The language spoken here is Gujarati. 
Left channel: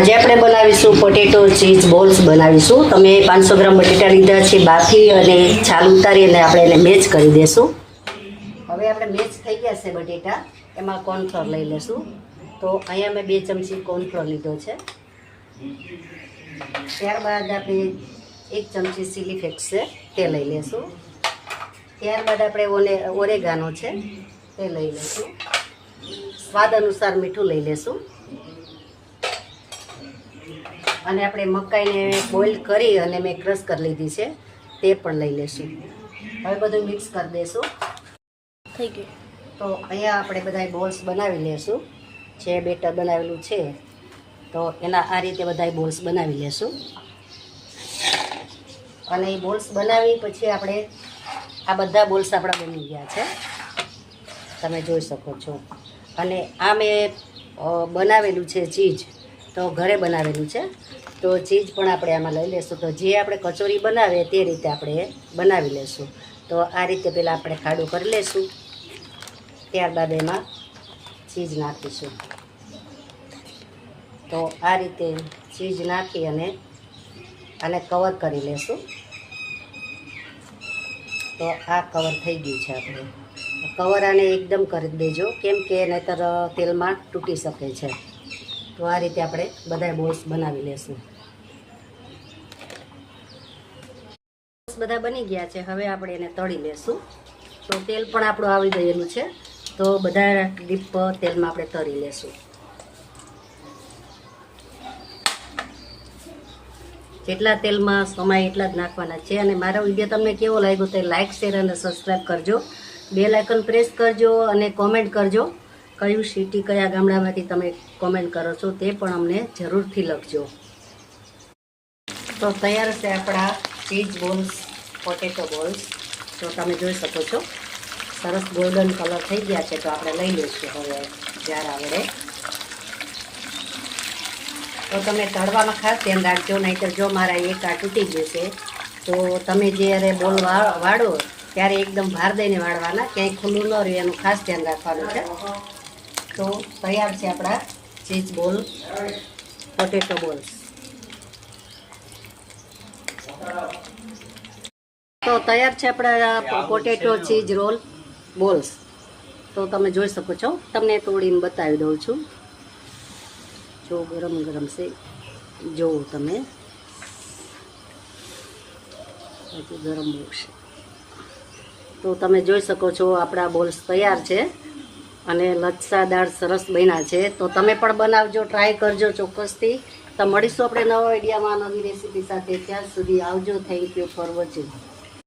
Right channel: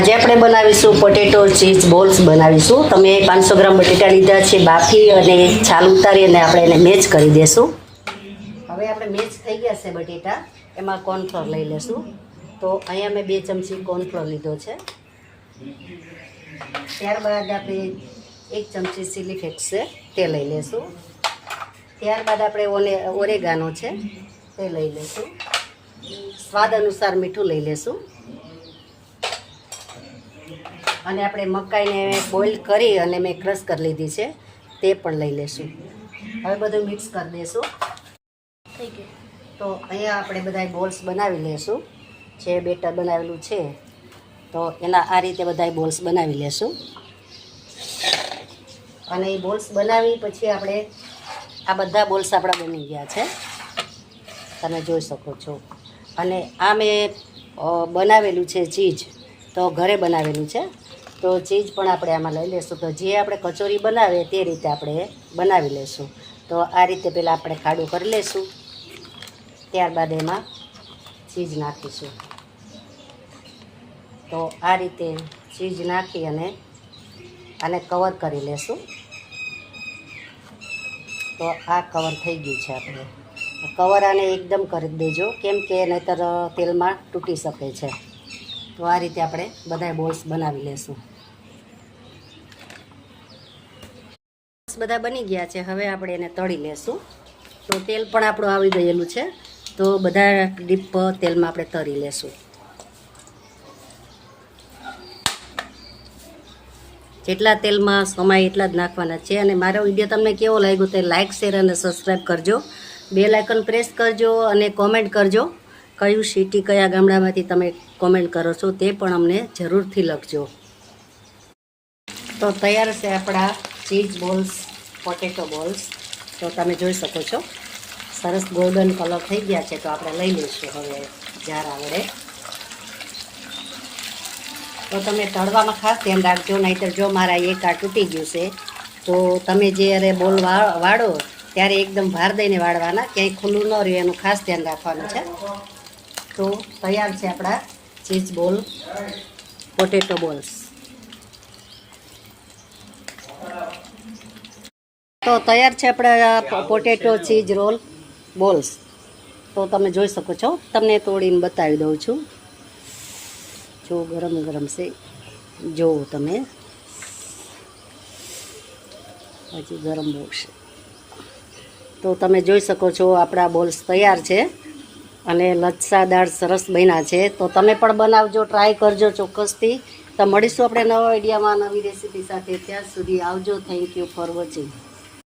આજે આપણે બનાવીશું પોટેટો ચીઝ બોલ્સ બનાવીશું। તમે 500 ગ્રામ બટેટા લીધા છે, બાફી અને છાલ ઉતારી અને આપણે એને મેચ કરી દઈશું। હવે આપણે મેચ થઈ ગયા છે બટેટા, એમાં કોર્નફ્લોર લઈ લેશું। તો અહીંયા મેં 2 ચમચી કોર્નફ્લોર લીધો છે। ત્યારબાદ આપણે 1 ચમચી ચીલી ફ્લેક્સ છે તે લઈ લેશું। ત્યારબાદ આપણે ઓરેગાનો છે તે લઈ લેશું। સ્વાદ અનુસાર મીઠું લઈ લેશું અને આપણે મકાઈને બોઇલ કરી અને મેં ક્રશ કરી લીધી છે તે પણ લઈ લેશું। હવે બધું મિક્સ કરી દઈશું। થઈ ગયું। તો અહીંયા આપણે બધા બોલ્સ બનાવી લેશું। જે બેટર બનાવેલું છે તો એના આ રીતે બધા બોલ્સ બનાવી લેશું અને એ બોલ્સ બનાવી પછી આપણે આ બધા બોલ્સ આપણા બની ગયા છે, તમે જોઈ શકો છો। અને આ મેં બનાવેલું છે ચીઝ, તો ઘરે બનાવેલું છે, તો ચીઝ પણ આપણે આમાં લઈ લેશું। તો જે આપણે કચોરી બનાવીએ તે રીતે આપણે બનાવી લેશું। તો આ રીતે પહેલાં આપણે ખાડું કરી લેશું, ત્યારબાદ એમાં ચીઝ નાખીશું। તો આ રીતે ચીઝ નાખી અને આને કવર કરી લેશું। તો આ કવર થઈ ગયું છે। આપણે કવર આને એકદમ કરી દેજો, કેમ કે નહીંતર તેલમાં તૂટી શકે છે। તો આ રીતે આપણે બધા બોલ્સ બનાવી લેશું। બધા બની ગયા છે, હવે આપણે એને તળી લેશું। તો તેલ પણ આપણું આવી ગયેલું છે, તો બધા ડીપ તેલમાં આપણે તળી લેશું। જેટલા તેલમાં સમાય એટલા જ નાખવાના છે। અને મારો વિડીયો તમને કેવો લાગ્યો તે લાઇક, શેર અને સબસ્ક્રાઈબ કરજો। બેલ આઇકન પ્રેસ કરજો અને કોમેન્ટ કરજો, કયું સિટી કયા ગામડામાંથી તમે કોમેન્ટ કરો છો તે પણ અમને જરૂરથી લખજો। તો તૈયાર છે આપણા ચીઝ બોલ્સ, પોટેટો બોલ્સ। તો તમે જોઈ શકો છો સરસ ગોલ્ડન કલર થઈ ગયા છે। તો આપણે લઈ લઈશું હવે જાર આવડે। તો તમે તળવામાં ખાસ ધ્યાન રાખજો, નહીંતર જો મારા એક આ તૂટી ગયું છે તો તમે જ્યારે બોલ વાળો ત્યારે એકદમ ભાર દઈને વાળવાના, ક્યાંય ખુલ્લું ન રહે એનું ખાસ ધ્યાન રાખવાનું છે। તો તૈયાર છે આપણા ચીઝ બોલ, પોટેટો બોલ્સ। તો તૈયાર છે આપણા પોટેટો ચીઝ રોલ બોલ્સ। તો તમે જોઈ શકો છો, તમને તોડીને બતાવી દઉં છું। જો ગરમ ગરમ છે, જોવો તમે, હજી ગરમ બહુ છે। તો તમે જોઈ શકો છો આપણા બોલ્સ તૈયાર છે અને લચ્છાદાર સરસ બન્યા છે। તો તમે પણ બનાવજો, ટ્રાય કરજો ચોક્કસથી। તો મળીશું આપણે નવા વિડીયોમાં નવી રેસીપી સાથે। ત્યાં સુધી આવજો। Thank you for watching.